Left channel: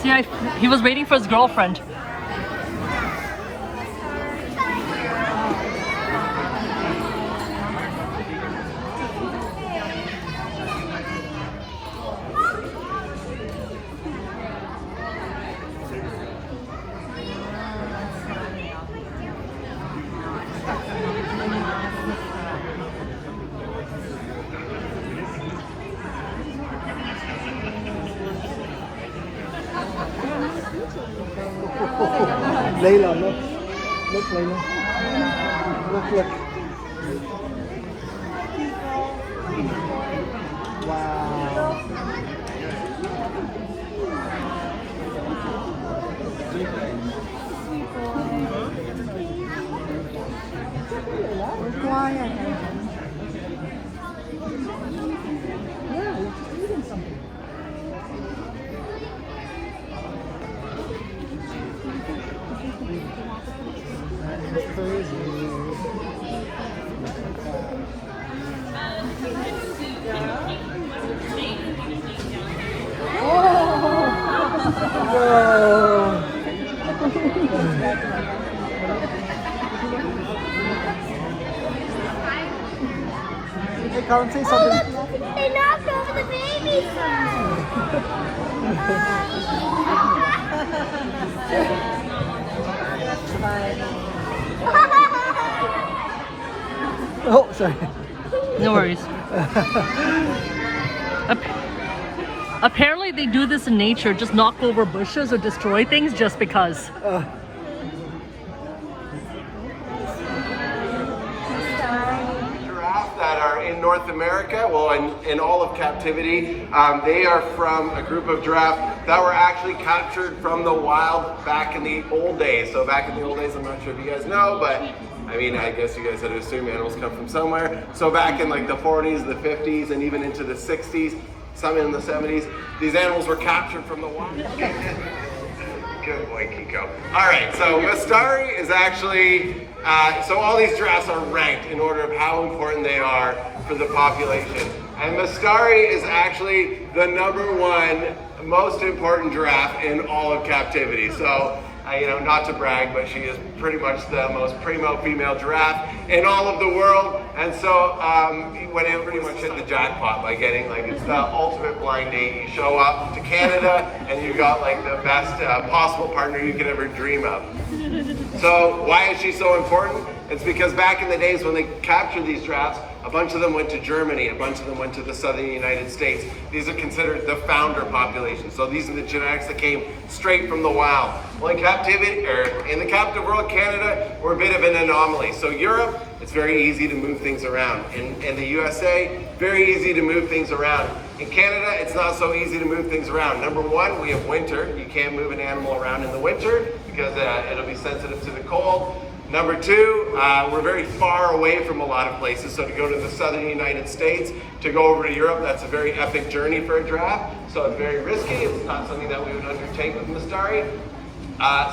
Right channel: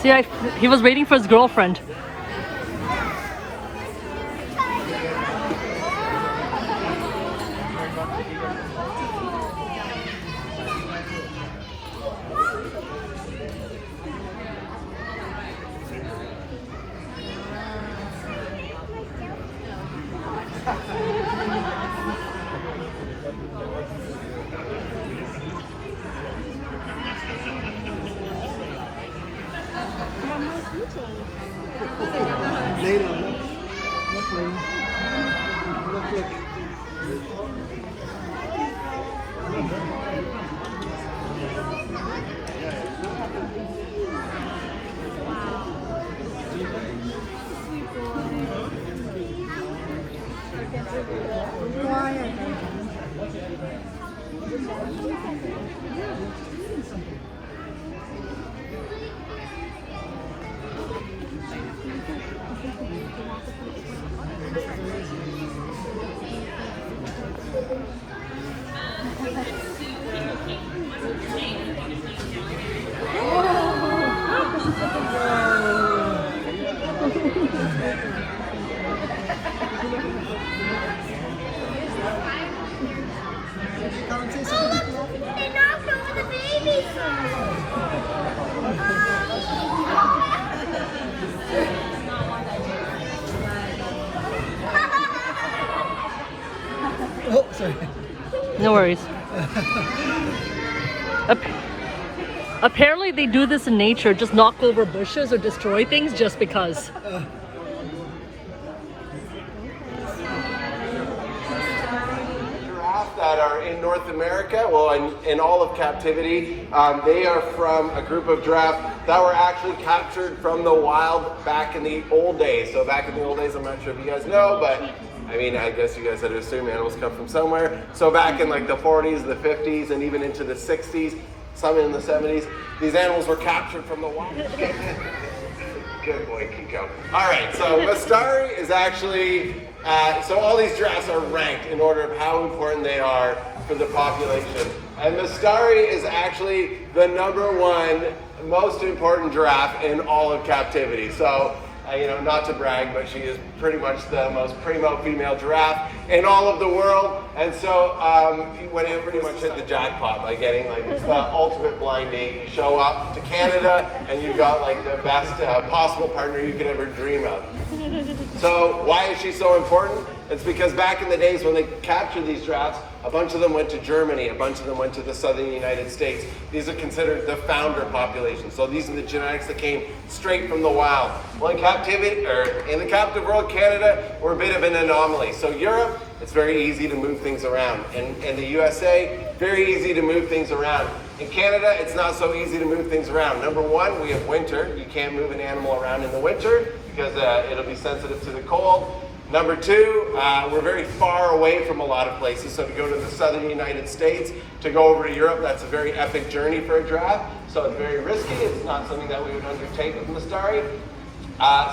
See, he was waiting for his girlfriend. Đây là nước nước nước Can't say something. They knocked over the baby Oh, sorry. No worries. Apparently they do this in nature, just knock over bushes or destroy things just because. Giraffes that are in North America, well, in all of captivity, they are from a group of giraffes that were actually captured from the wild back in the old days. So back in the old days, I'm not sure if you guys know, but I mean, I guess you guys had to assume animals come from somewhere. So back in like the 40s, the 50s, and even into the 60s, some in the 70s, these animals were captured from the wild. Good boy, Kiko. All right, so Mastari is actually, so all these giraffes are ranked in order of how important they are for the population. And Mastari is actually the #1 most important giraffe in all of captivity. So, you know, not to brag, but she is pretty much the most primo female giraffe in all of the world. And so when you pretty much hit the jackpot by getting, like, it's the ultimate blind date. You show up to Canada and you've got like the best possible partner you could ever dream of. So why is she so important? It's because back in the days when they captured these giraffes, a bunch of them went to Germany, a bunch of them went to the southern United States. These are considered the founder population. So these are the genetics that came straight from the wild. Well, in captivity, or in the captive world, Canada, we're a bit of an anomaly. So Europe, it's very easy to move things around. In the USA, very easy to move things around. In Canada, it's not so easy to move things around. #1, we have winter. You can't move an animal around in the winter because it'll be sensitive to the cold. #2, we're very far away from a lot of places. So to go to the southern United States, to go over to Europe, that's a very epic journey for a giraffe. So it's very risky. It's not something that we would undertake with Mastari.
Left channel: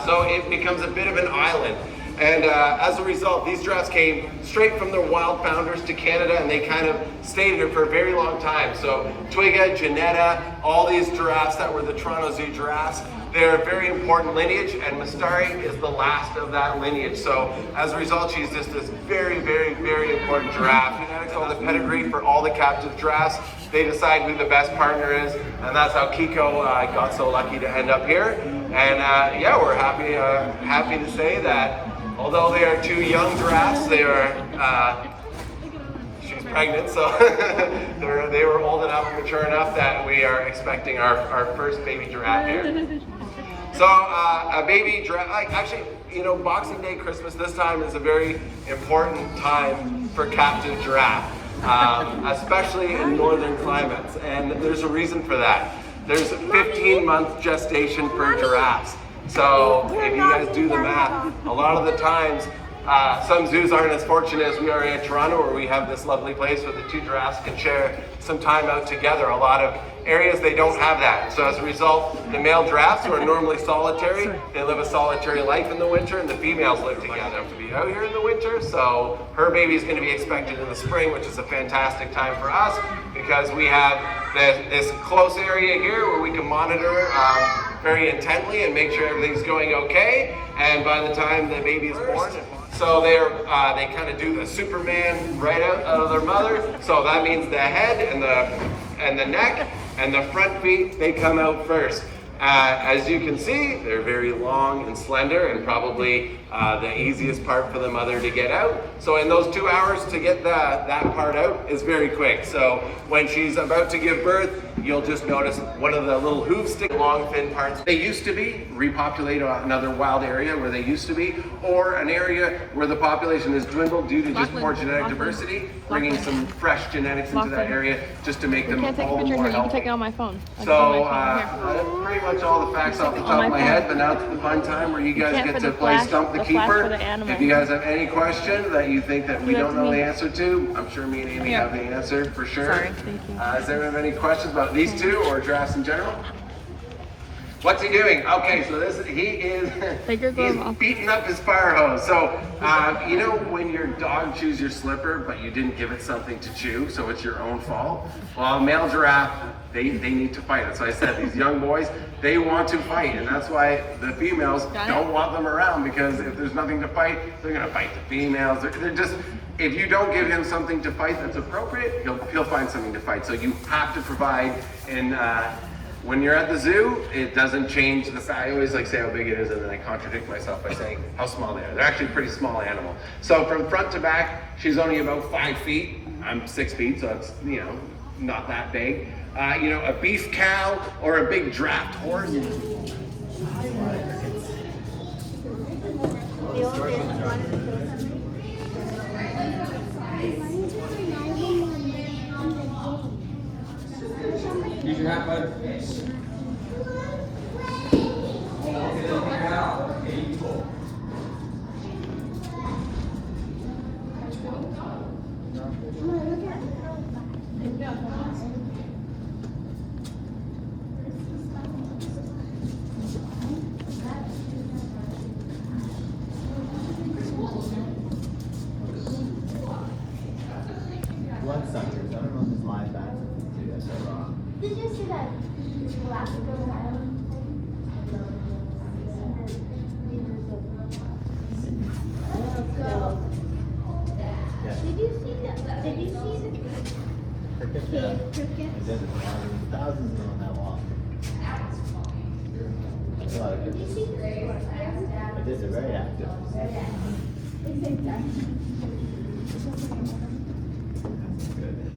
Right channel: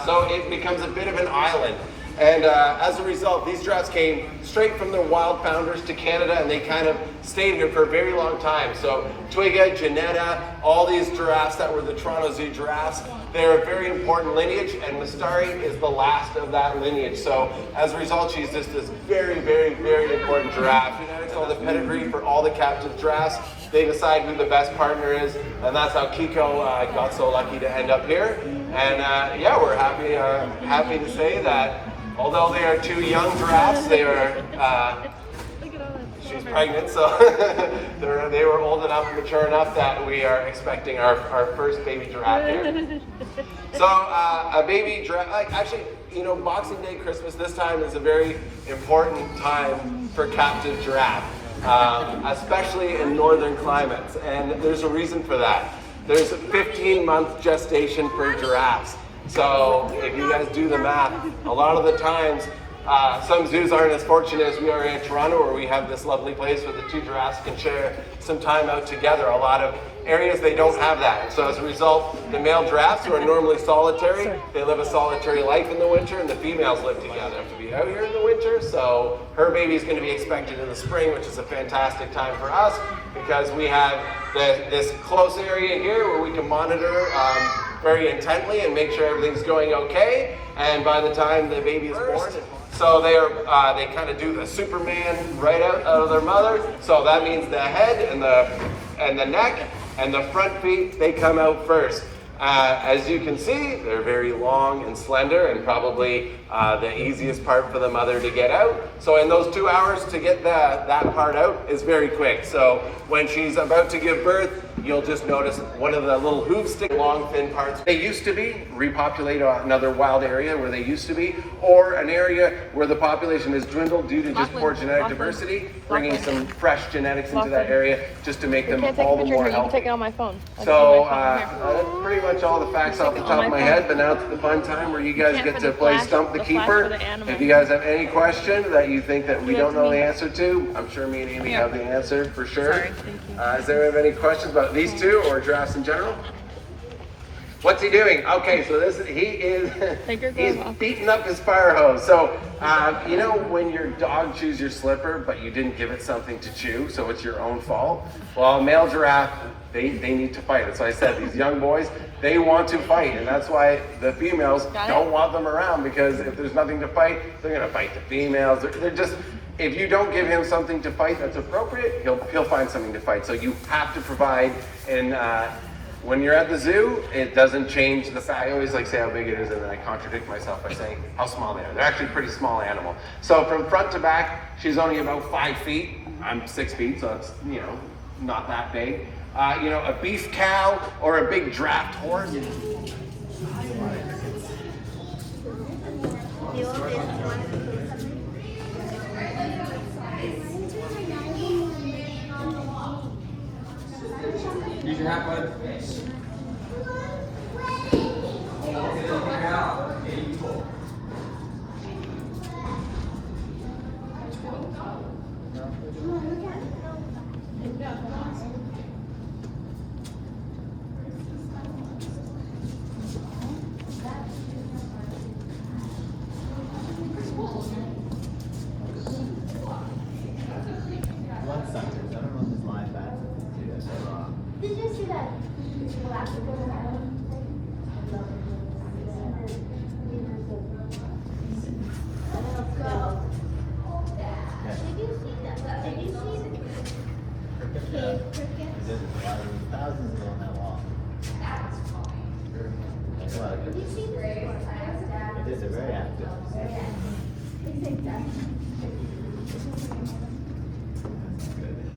So it becomes a bit of an island. And as a result, these giraffes came straight from their wild founders to Canada, and they kind of stayed here for a very long time. So Twiga, Janetta, all these giraffes that were the Toronto Zoo giraffes, they're a very important lineage, and Mastari is the last of that lineage. So as a result, she's just this very, very, very important giraffe. So the pedigree for all the captive giraffes, they decide who the best partner is, and that's how Kiko got so lucky to end up here. And yeah, we're happy to say that although they are 2 young giraffes, they are, she's pregnant, so they were old enough, mature enough that we are expecting our first baby giraffe here. So a baby giraffe, actually, you know, Boxing Day, Christmas, this time is a very important time for captive giraffe, especially in northern climates, and there's a reason for that. There's a 15-month gestation for giraffes. So if you guys do the math, a lot of the times, some zoos aren't as fortunate as we are in Toronto, where we have this lovely place where the 2 giraffes can share some time out together. A lot of areas they don't have that. So as a result, the male giraffes, who are normally solitary, they live a solitary life in the winter, and the females live together to be out here in the winter. So her baby is going to be expected in the spring, which is a fantastic time for us because we have this close area here where we can monitor very intently and make sure everything's going okay. And by the time the baby is born, so they kind of do the Superman right out of their mother. So that means the head and the neck and the front feet, they come out first. As you can see, they're very long and slender, and probably the easiest part for the mother to get out. So in those 2 hours to get that part out is very quick. So when she's about to give birth, you'll just notice one of the little hoof stick, long thin parts. They used to be, repopulate another wild area where they used to be, or an area where the population has dwindled due to just poor genetic diversity, bringing some fresh genetics into that area just to make them all the more healthy. You can take it on my phone. So pretty much all the facts off the top of my head, but now it's the fun time where you guys get to play Stump the Keeper. If you guys have any question that you think that we don't know the answer to, I'm sure me and Amy have the answer for sure. Does anyone have any questions about these two or giraffes in general? What's he doing? Okay, so he's beating up his fire hose. So, you know when your dog chews your slipper, but you didn't give it something to chew, so it's your own fault? Well, a male giraffe, they need to fight. That's why I said these young boys, they want to fight, and that's why the females don't want them around, because if there's nothing to fight, they're gonna fight the females. They're just, if you don't give him something to fight that's appropriate, he'll find something to fight. So you have to provide, and when you're at the zoo, it doesn't change the size. I always like say how big it is, and then I contradict myself by saying how small they are. They're actually a pretty small animal. So from front to back, she's only about 5 feet. I'm 6 feet, so it's, you know, not that big. You know, a beef cow or a big draft horse. Use your hat, bud. Blood suckers. I don't know if this live back do this or wrong. Did you see that? Did you see that? Did you see the cricket? Thousands on that wall. What? Did you see the It is very active. It's like that. Good.